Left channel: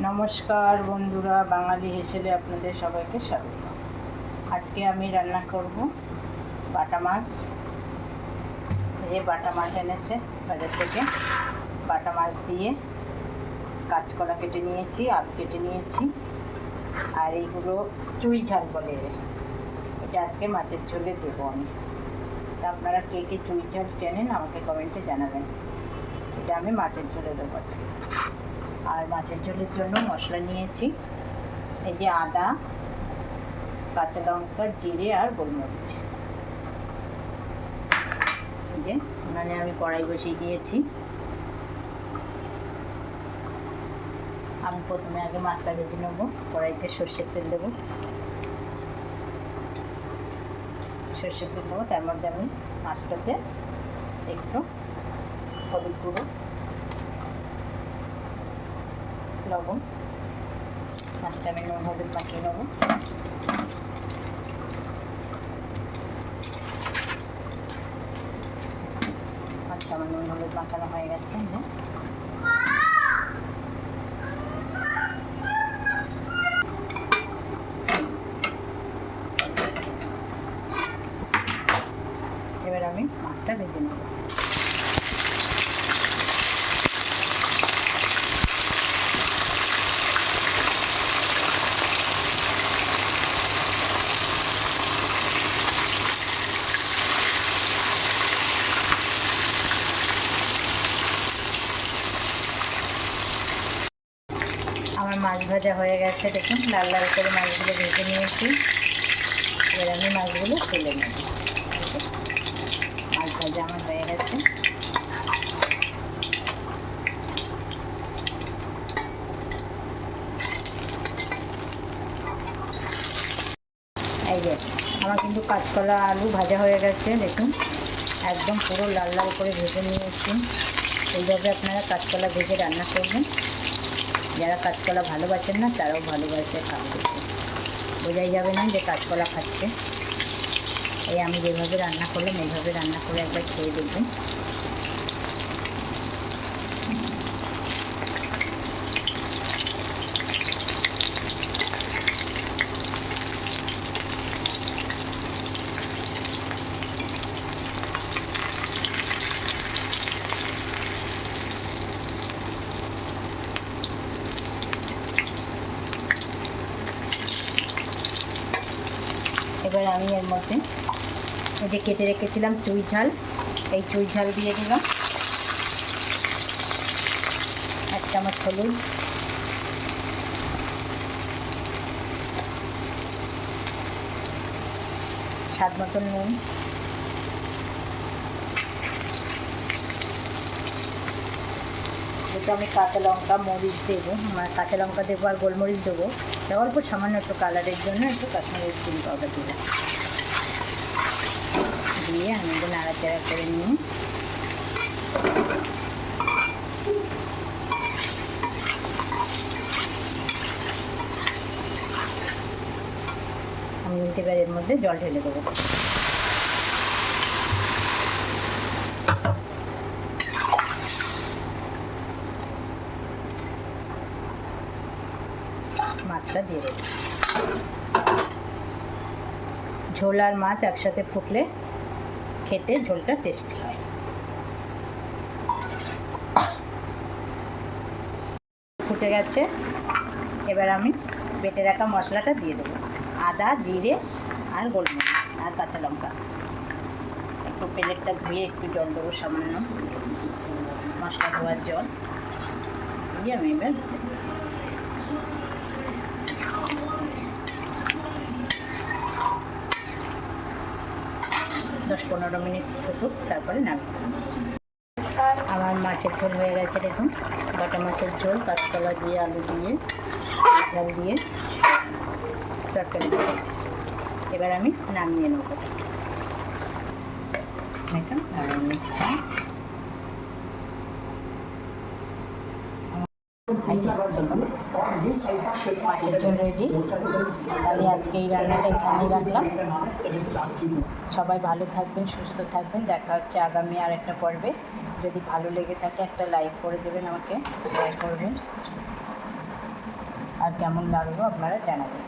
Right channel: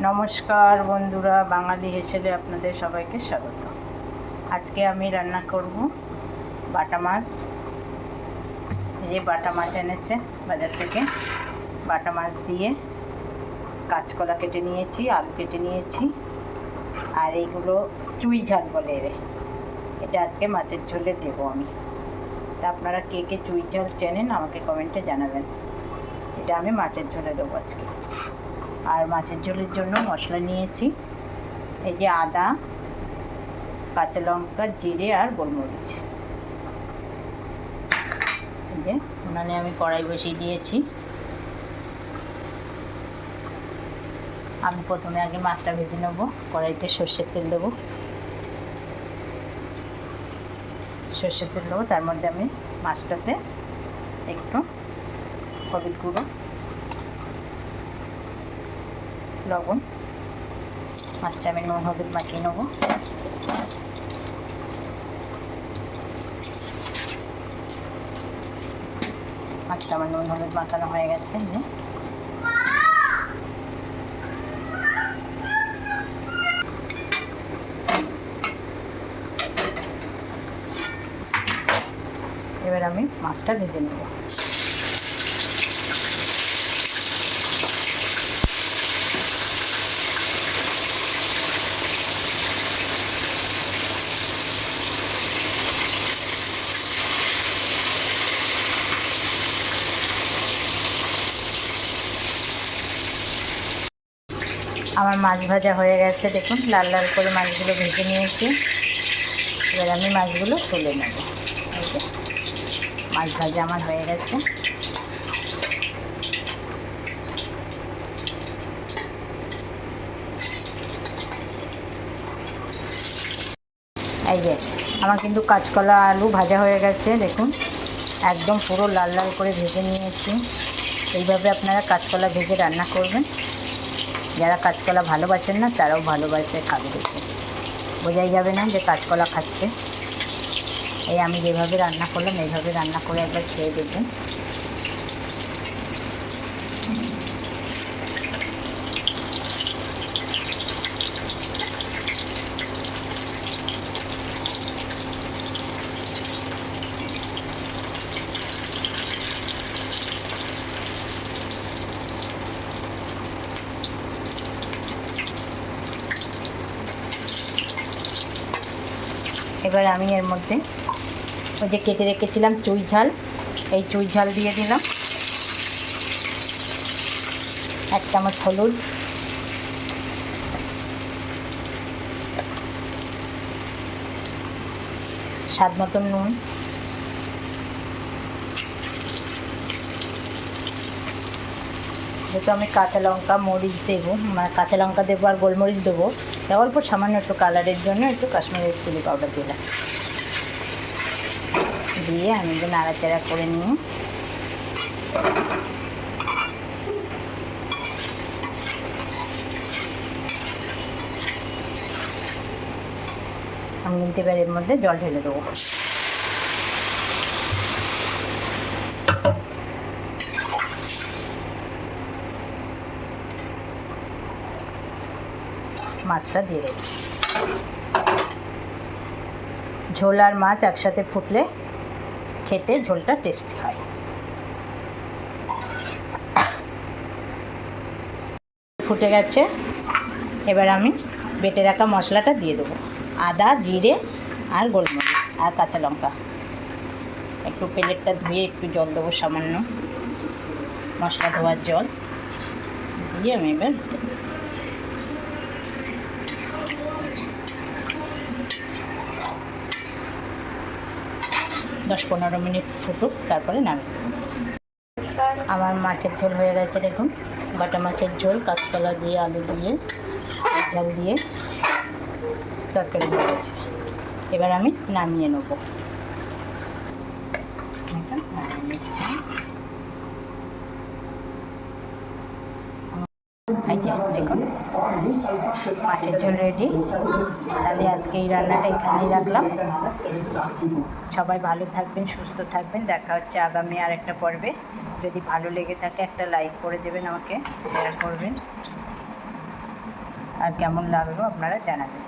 নমস্কার বন্ধুরা, বাঙালি হেসেলে আপনাদের সবাইকে স্বাগত। আজকে আমি রান্না করব বাটা মাছ। এই বাটা মাছ এনেছে বাজার থেকে। বাটা মাছ দিয়ে কাঁচকলা কেটে নিয়েছি, আলু কেটে নিয়েছি, আর এইগুলো চুই ঝাল বলে এটা আজকে মাছের ঝোলে দেবো আমি। তা আপনারা কে কে চুই ঝাল চেনেন আমাকে কমেন্টে জানাবেন। এটা আমি মাছের ঝোলে দেবো আজকে। আর মাছের ঝোলের জন্য মশলা নিয়েছি, এই যে আদা, কাঁচা লঙ্কা, জিরে আর গোলমরিচ। এই যে উনানে আমি কড়াই বসিয়ে দিয়েছি। আমি প্রথমে আগে মাছটা ভেজে নেব। কড়াইতে সর্ষের তেল দেবো, তার মধ্যে আমি মাছটাতে একটু হলুদ গুঁড়ো, লবণ, মাছটা আমি নুন হলুদ মাখিয়ে নেব। মাছটা আমার নুন হলুদ মাখানো হয়ে গেছে। এবার আমি মাছটা ভেজে নেব। আমার মাছ ভাজা হয়ে গেছে, দেখুন লাল লাল করে মাছগুলো ভেজে নিয়েছি। এবার আমি মাছগুলো তুলে নেব। মাছ ভাজা আমার হয়ে গেছে। এই যে আমার কিন্তু কাঁচকলা আলু ভাজা হয়ে গেছে, দেখুন একদম পুরো লাল লাল করে ভেজে নিয়েছি। এইভাবে আপনারা কাঁচকলা ভেজে রান্না করবেন। যারা কাঁচকলা ভালোবাসেন না তারাও ভালোবাসে খাবে, দেখে বোঝাই যাবে না যে কাঁচকলা খাচ্ছে। এই আমি যেভাবে রান্না করলাম এইভাবে রান্না করে একবার খেয়ে দেখবেন। এবার আমি এর মধ্যে ওই যে কেটে রেখেছিলাম চুই ঝাল, এই চুই ঝাল দিয়ে দিলাম। 1 চামচ হলুদ, স্বাদ মতন নুন, যেহেতু আমি কাঁচা লঙ্কা মরিচ দেবো, মানে কাঁচা লঙ্কা দেবো আর গোলমরিচ দেবো, তা অল্প সামান্য একটু কালারের জন্য একটু কাশ্মীরি চিলি পাউডার দিলাম। দিয়ে আমি একটু নাড়াচাড়া করে নিয়ে আমি কিন্তু এবার এর মধ্যে জল ঢেলে দেবো। মাছটা দিয়ে দেবো। ঝোল আর মাছ একসাথে ফুটলে খেতে ঝোলটা টেস্টি হয়। ফুটে গেছে, এবার আমি বেটে রাখা মশলাটা দিয়ে দেবো। আদা, জিরে আর গোলমরিচ আর কাঁচা লঙ্কা। একটু প্লেটটা ধুয়ে একটু জল দেবো, সামান্য মশলা ধোয়ার জল দিয়ে আমি এবার 10-15 মিনিট ফুটুক, তারপরে নামি। আমার মাছের ঝোল হয়ে গেছে, দেখুন বাটা মাছের ঝোল কাঁচকলা দিয়ে আলু দিয়ে ঝাল দিয়ে তরকারি হয়ে গেছে। এবার আমি নামিয়ে নেব। দেখুন মাছের ঝোল রেডি। তাহলে আজকে এই রান্নাটা এখানেই রাখলাম। সবাই ভালো থাকবেন, সুস্থ থাকবেন। দেখা হচ্ছে আগামী আর একটা পর্বে। যদি ভালো লেগে থাকে একটা লাইক করে দেবেন, আমাকে শেয়ার করবেন। আর কেমন লাগলো আপনারা জানাবেন।